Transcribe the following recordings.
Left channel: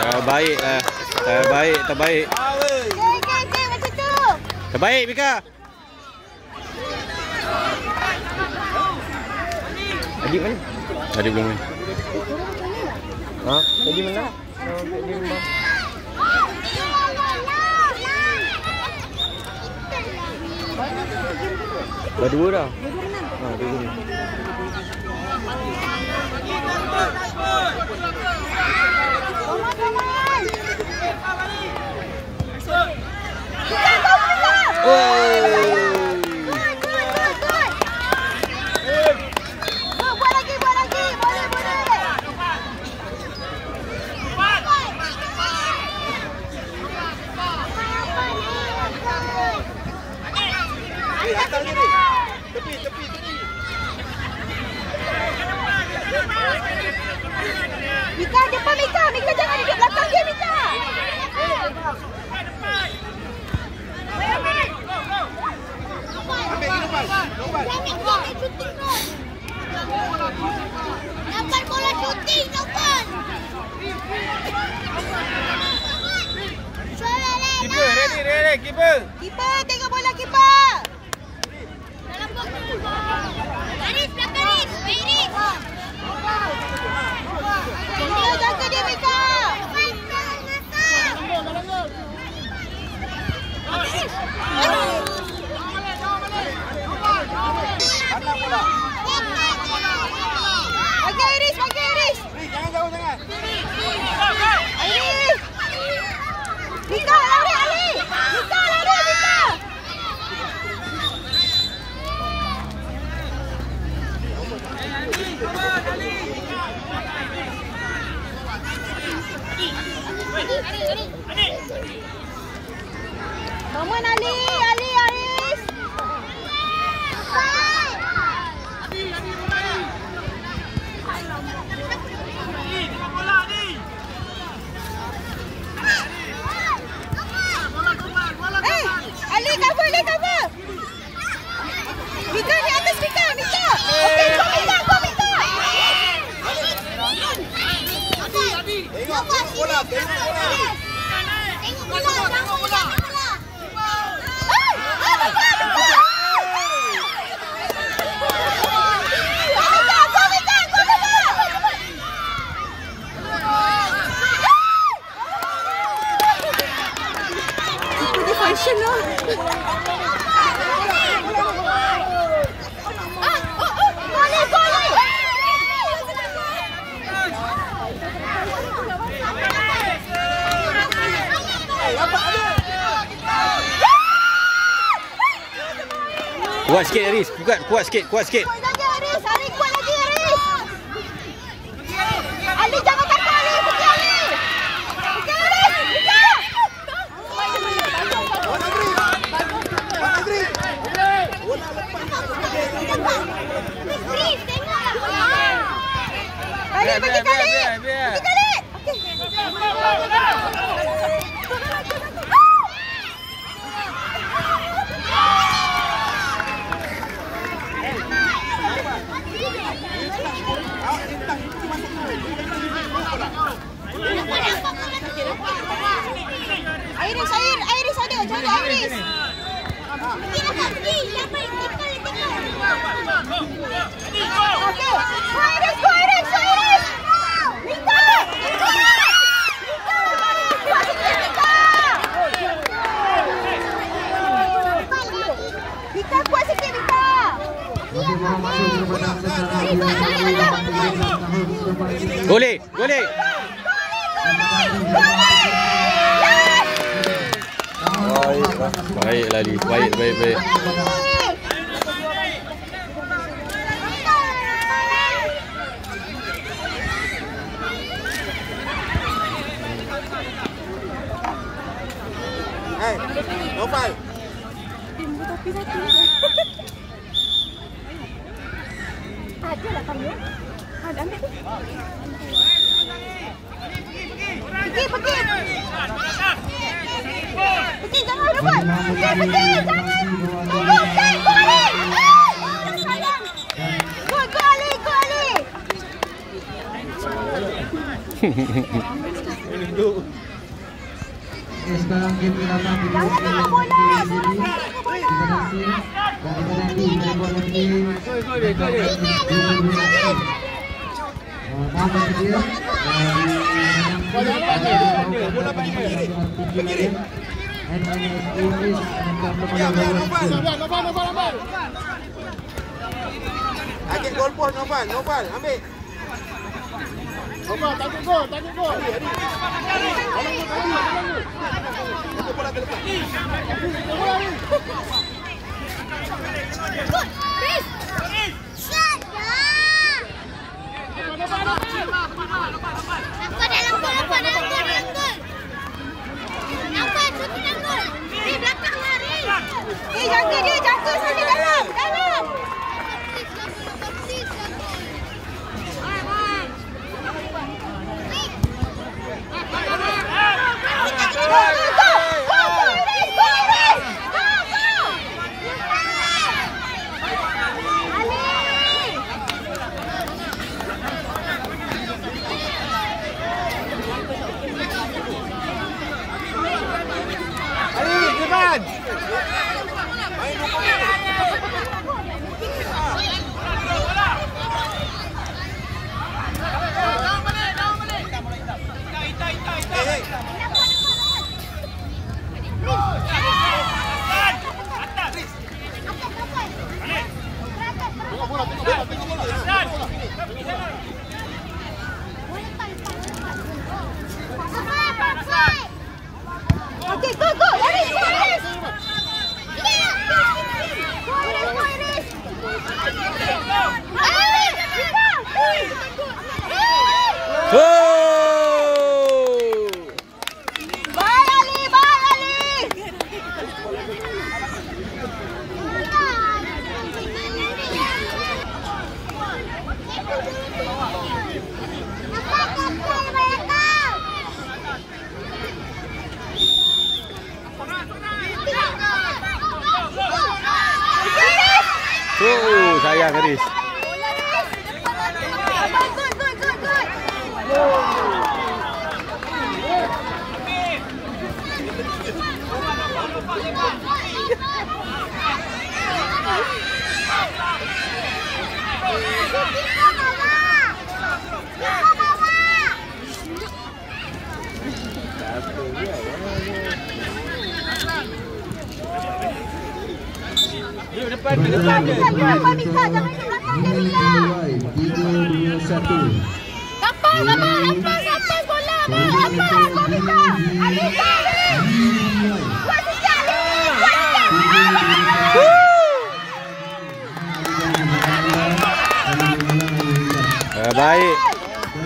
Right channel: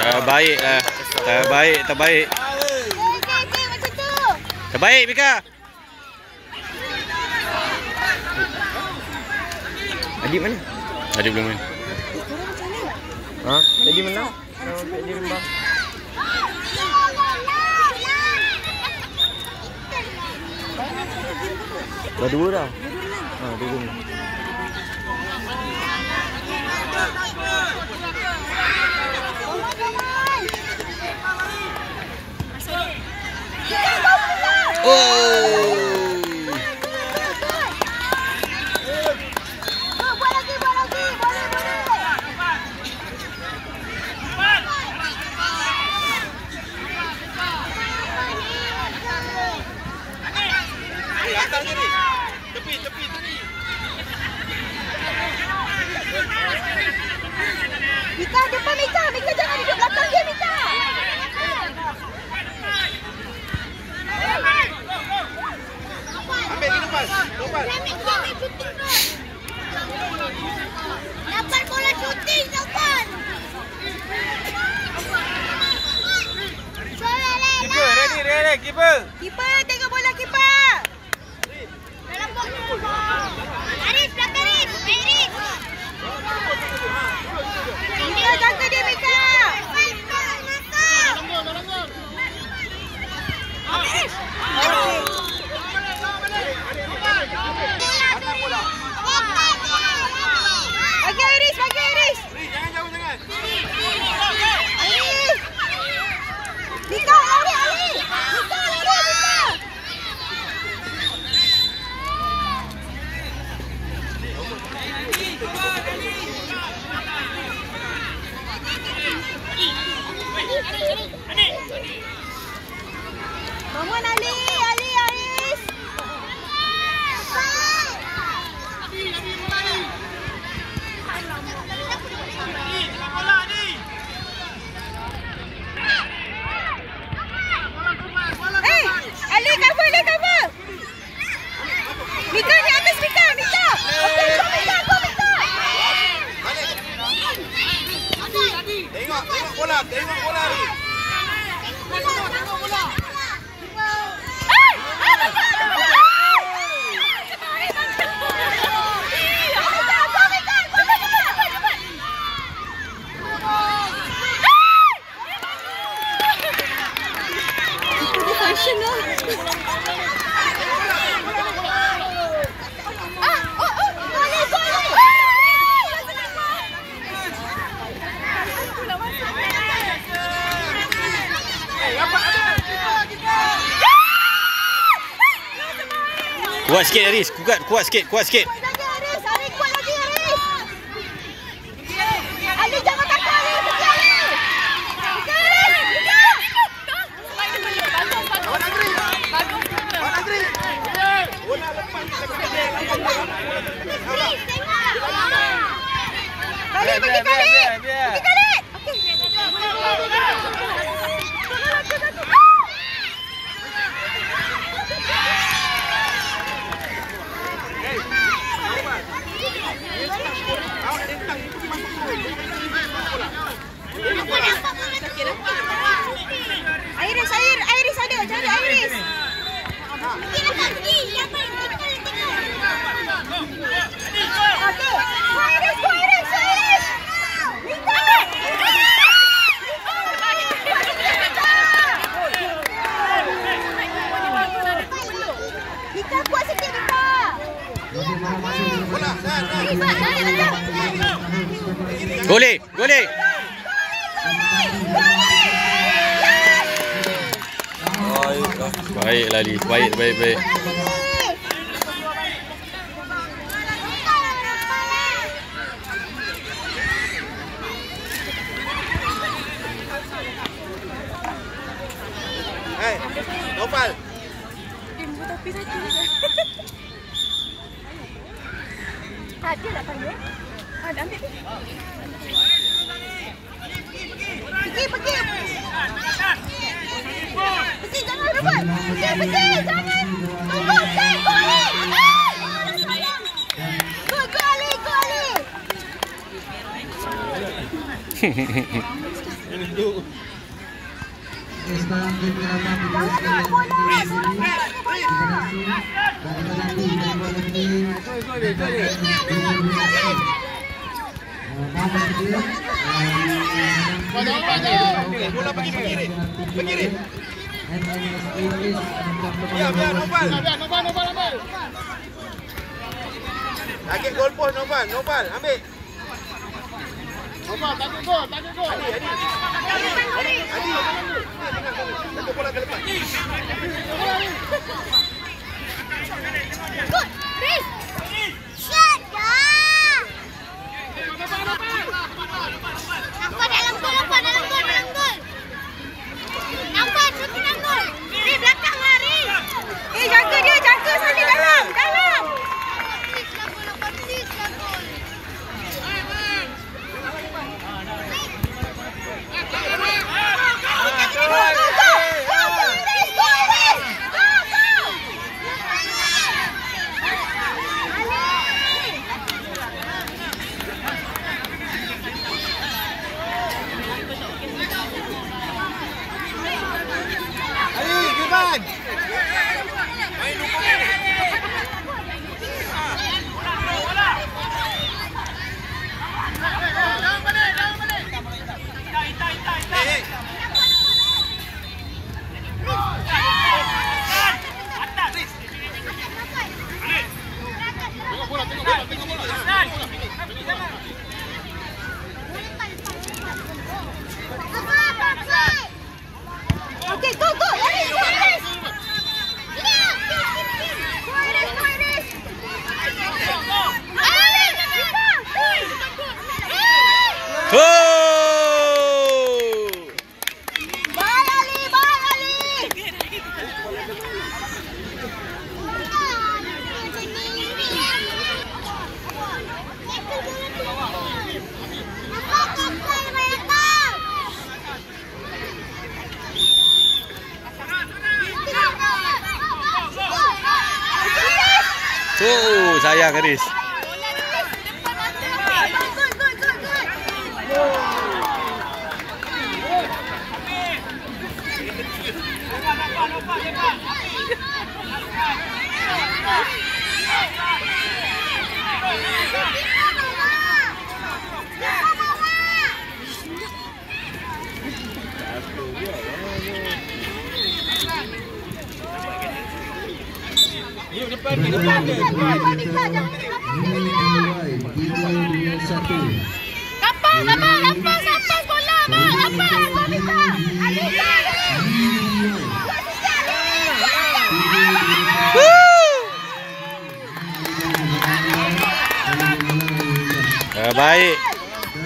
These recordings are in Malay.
Terbaik lah. Terbaik. Terbaik, Mika. Adik mana? Adik belum main. Ha? Tadi menang? Tadi menang. Dah dua dah. Ha, dua. Tepi tadi. Mika depan Mika jangan duduk belakang dia Mika. Dapat bola shooting dapat. Kiper, kiper. Kiper tengok bola kiper. Aris belakang Aris. Tinggal jaga dia Mika. Bagi Iris. Jangan jauh sangat. Iris. Mika lari. Mika lari. Bangun Ali Aris. Ali cover. Mika di atas Mika. Okey, go Mika. Tengok bola. Kuat sikit Aris, kuat sikit. Kuat lagi Aris. Ali jangan takut Ali. Pergi kali. Iris ada, cari Iris. Go Iris. Mika kuat sikit Mika. Boleh. Baik Lali. Baik. Nopal. Tapi satu. Tak ada nak panggil. Ada ambil tu. Pergi jangan rebut. Pergi jangan. Go Ali. Sekarang game drama video Target gol pos Noval, ambil. Noval, target gol. Jaga sini dalam. Sayang Haris.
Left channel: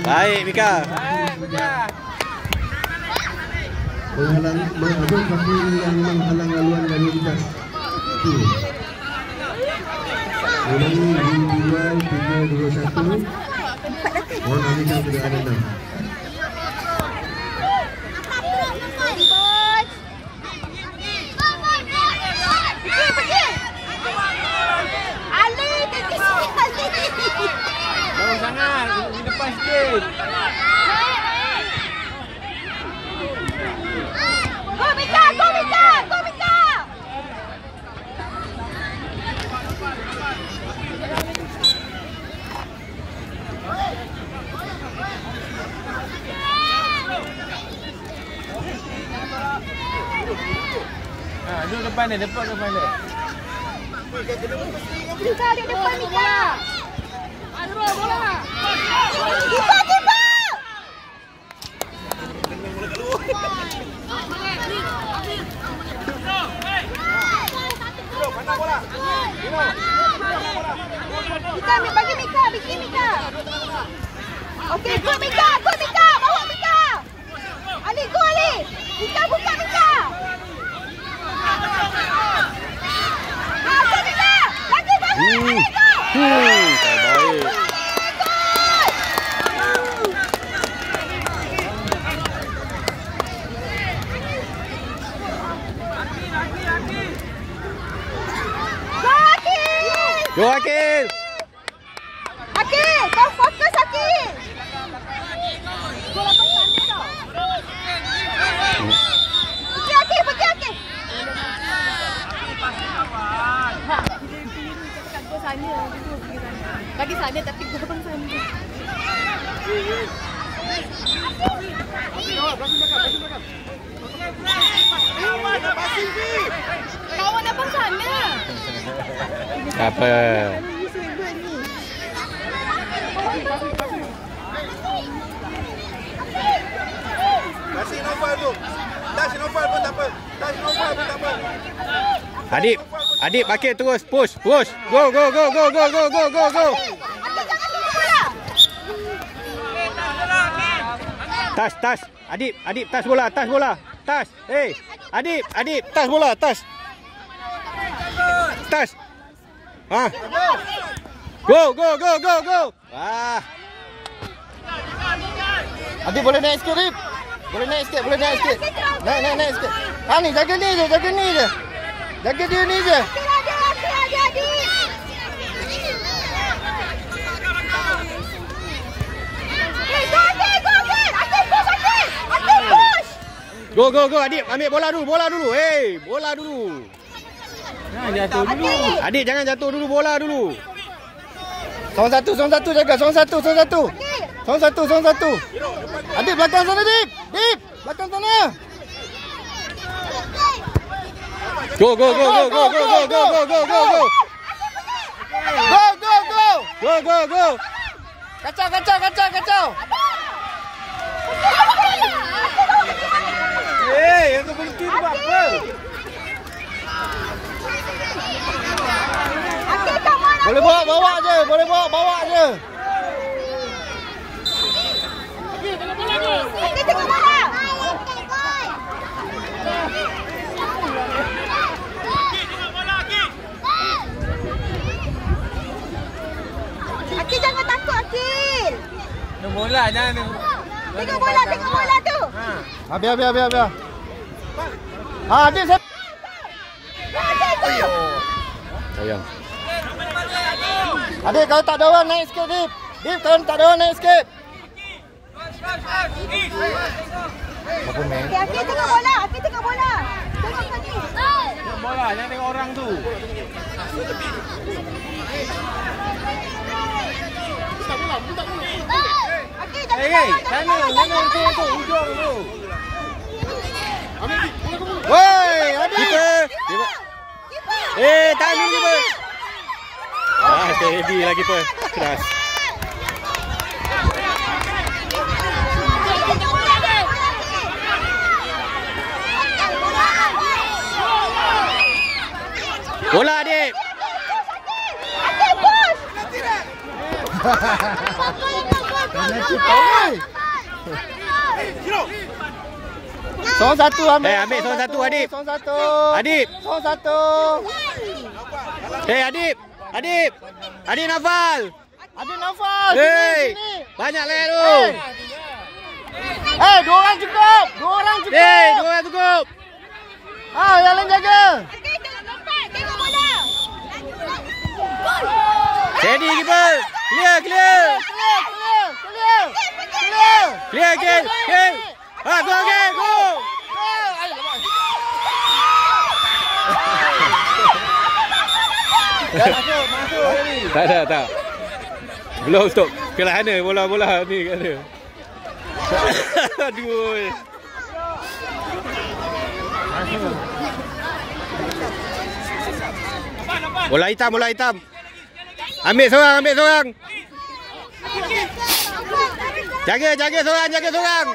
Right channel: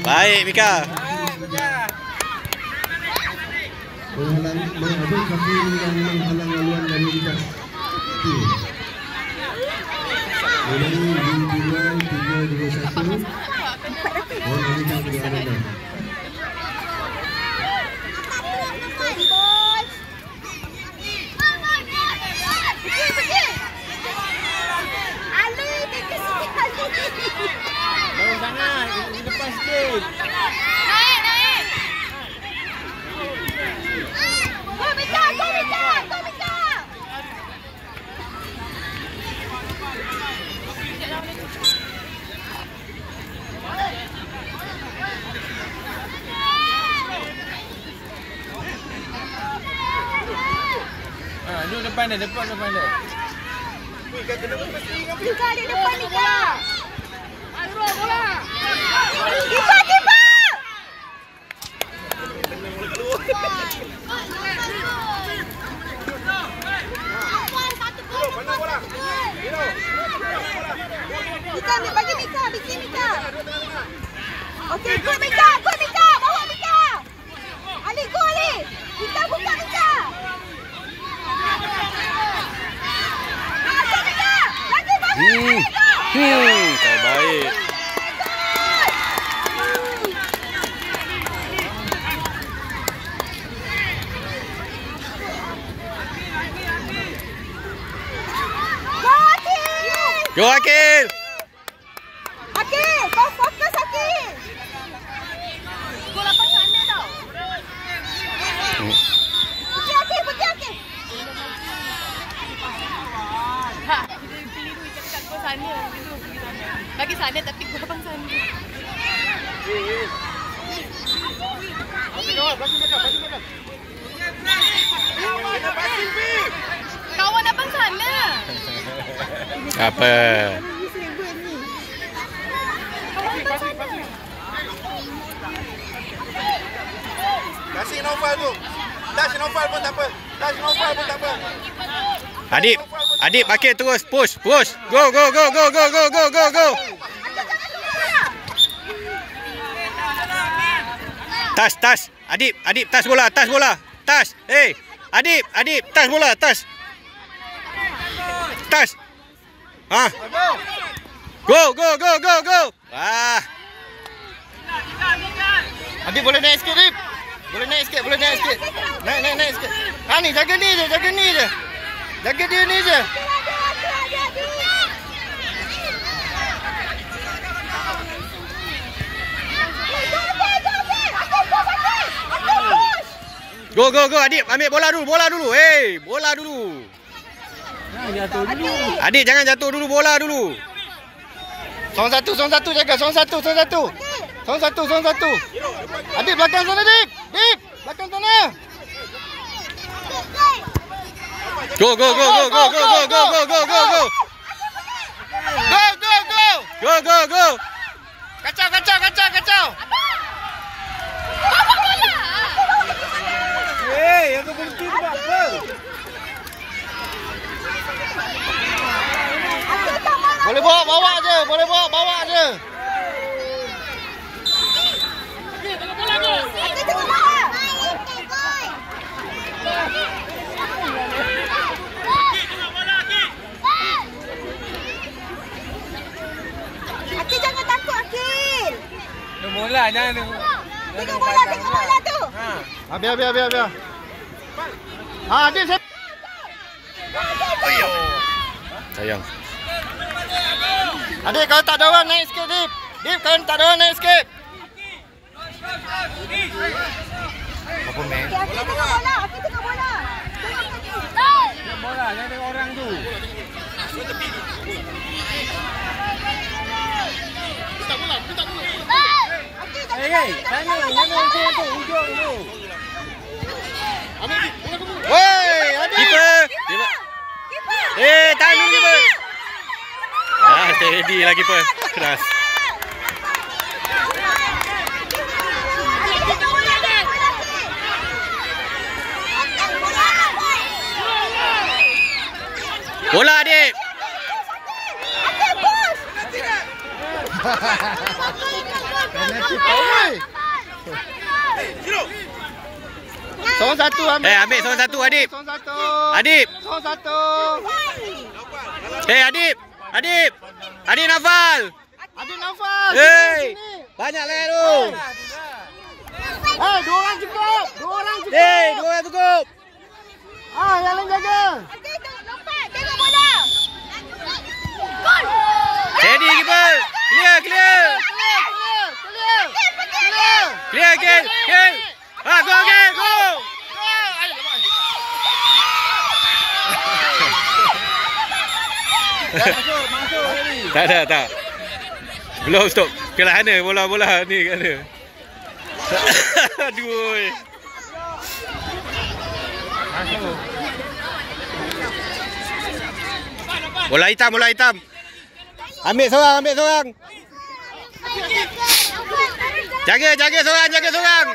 Baik Mika. Menghalang kaki yang menghalang laluan lalu lintas. Ulangi 2, 3, 2, 1. Orang alihkan kenderaan anda. Depan dia. Mika ada depan Mika. Mika, bagi Mika, bikin Mika. Okey, go Mika. Bawa Mika. Ali, go Ali. Mika buka Mika. Terbaik. Go Akil. Akil, kau fokus Akil. Gol apa sana tau? Apa? Kasih Naufal tu. Touch Naufal pun tak apa. Touch Naufal pun tak apa. Adib, Adib makin terus push. Go. Tas. Adib, tas bola. Tas. Hey, Adib, tas bola, tas. Ha. Go. Ah. Adib boleh naik sikit, Adib. Boleh naik sikit. Naik sikit. Ha ni, jaga ni je. Jaga dia ni je. Go. Adib, ambil bola dulu. Hey, bola dulu. Adib, jangan jatuh dulu, bola dulu. Seorang satu jaga. Seorang satu. Adib belakang sana, Adib. Belakang sana. Go. Go. Kacau. Yang tu berhenti tu buat apa? Boleh bawa je. Akil jangan takut, Akil. Bola jangan tengok. Tengok bola tu. Biar. Ha, Adib saya. Sayang. Adib kalau tak ada orang naik sikit, Adib. Kalau tak ada orang naik sikit. Apa main? Akil tengok bola. Tengok kaki. Bola jangan tengok orang tu. Sana hujung tu. Woi, Adib. Keeper. Tahan dulu keeper. Steady lah keeper. Keras. Bola, Adib. Seorang satu ambil. Ambil seorang satu, Adib. Seorang satu. Adib. Seorang satu. Adib Naufal. Adib Naufal. Hey, banyak lah tu. Dua orang cukup. Hey, 2 orang cukup. Yang lain jaga. Steady keeper. Clear. Kill. Go. Tak. Belum stop. Kelah mana bola ni kat mana. Aduh. Bola hitam. Ambil seorang. Jaga seorang.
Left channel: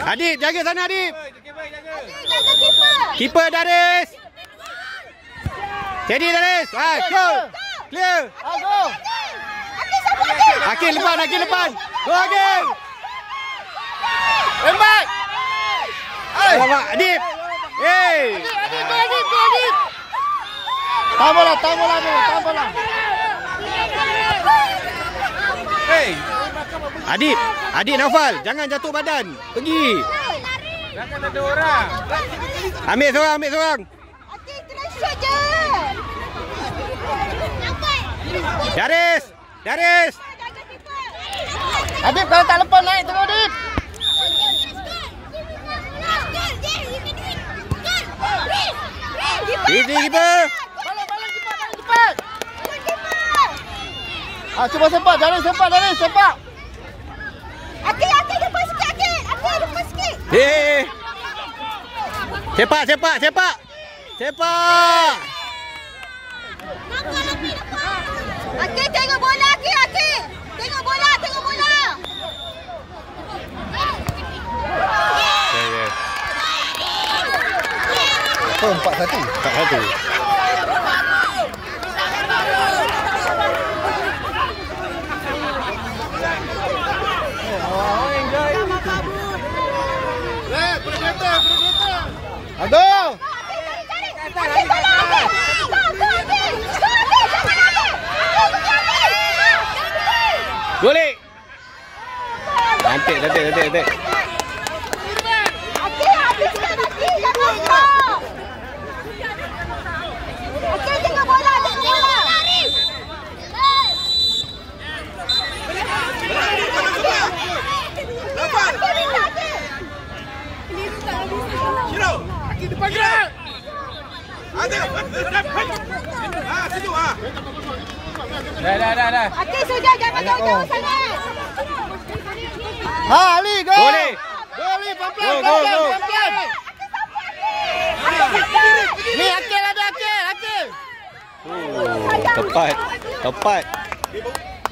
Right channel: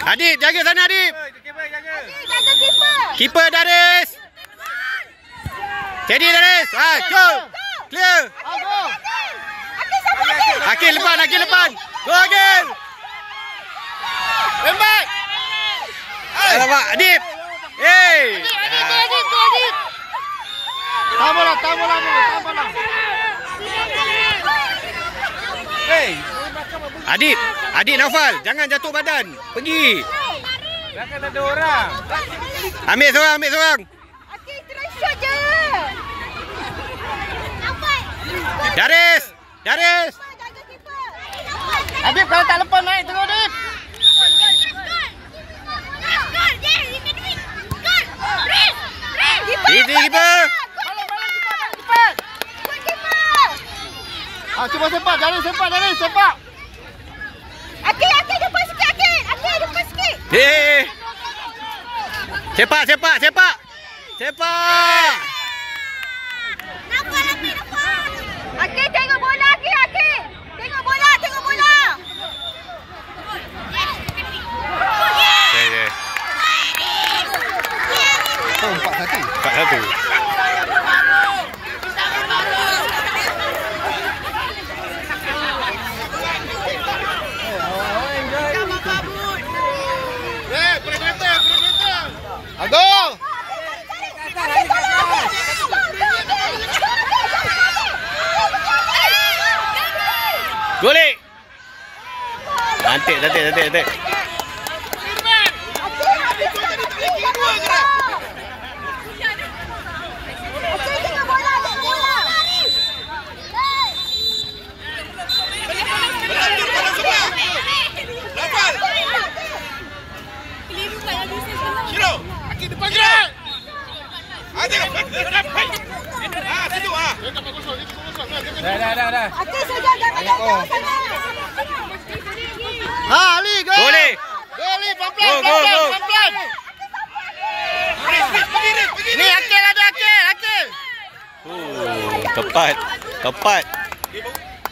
Adib, jaga sana, Adib. Keeper Daris. Steady Daris. Go. Clear. Akil depan. Go Akil. Tembak. Alamak, Adib. Hey. Tahan bola. Adib Naufal, jangan jatuh badan. Pergi. Jangan ada orang. Ambil seorang. Akil terus shoot je. Daris. Adib kalau tak lepas naik tengok, Adib. Easy keeper. Cepat. Cuba sepak. Akil depan sikit, Akil. Akil depan sikit. Sepak, sepak, sepak. Sepak. Akil tengok bola Akil, Akil. Tengok bola, tengok bola. Ya. 4-1. 4-1. Ago. Akil bola Akil. Golek. Nanti. Tengok bola, tengok bola. Shiro, Akil depan je. Ada. Situ ah. Dah. Akil saja jangan jauh sana. Ha, Ali, go. Golek. Go, Ali, pelan-pelan. Go. Pelan-pelan. Ni Akil ada, Akil. Tepat.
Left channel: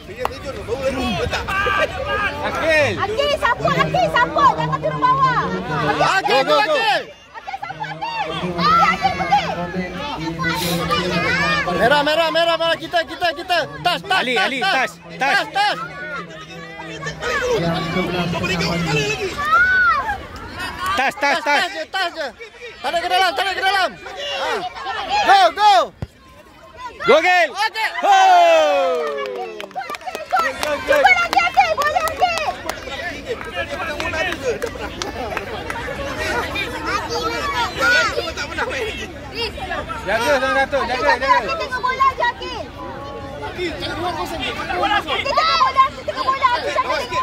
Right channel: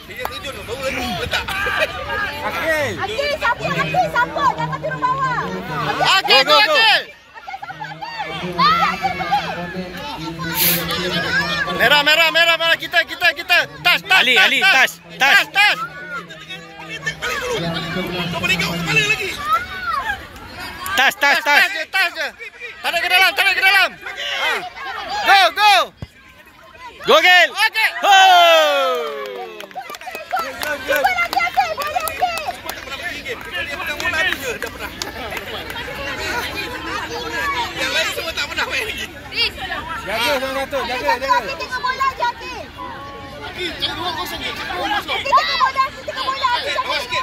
Dia tidur baru letak. Akil sapu, jangan turun bawah. Akil, Go. Akil. Merah. Kita. Tas. Ali, tas. Kembali lagi. Tas. Tas je. Tarik ke dalam. Ha. Go. Gogel. Akil. Cuba lagi Akil, boleh Akil. Dia pernah bola tu je, dah pernah. Yang lain semua tak pernah main lagi. Jaga sama Datuk, jaga. Akil tengok bola je Akil. Akil tengok bola Akil Lawan sikit.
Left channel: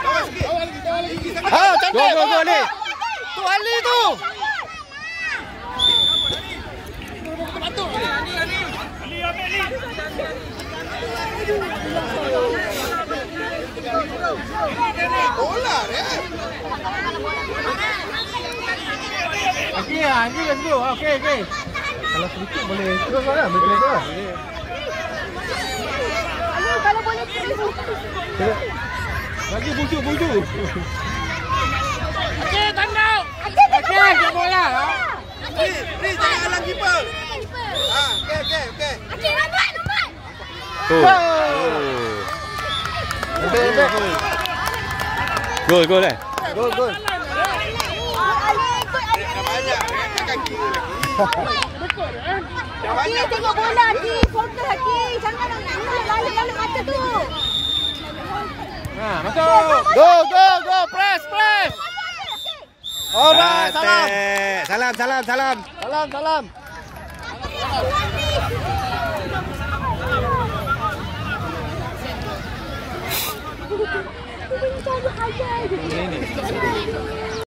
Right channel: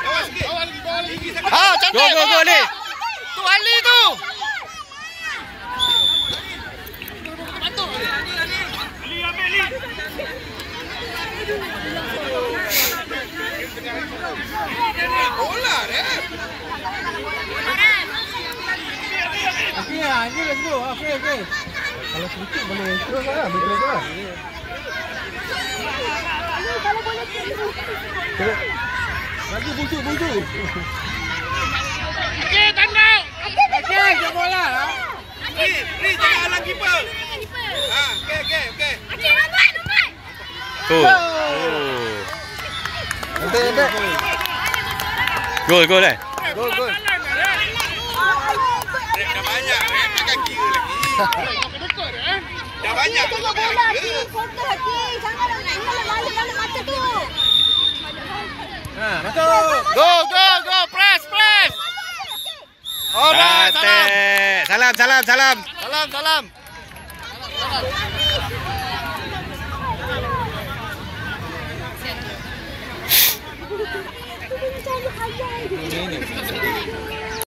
Ha, cantik. Go, Ali. Tu Ali tu. Bola dia. Okey, Anji let's go. Okey. Kalau sedikit boleh terus lah, boleh terus. Kalau boleh Lagi buntu. Akil tengok bola. Ni jangan halang kiper. Ha, okey. Akil lambat. Gol. Gol. Gol. Dah banyak takkan kira lagi. Dah Akil banyak tengok bola Akil. Fokus Akil. Jangan lalu mata tu. Ha, masuk. Go. Press. Oh, dah. Salam. Salam.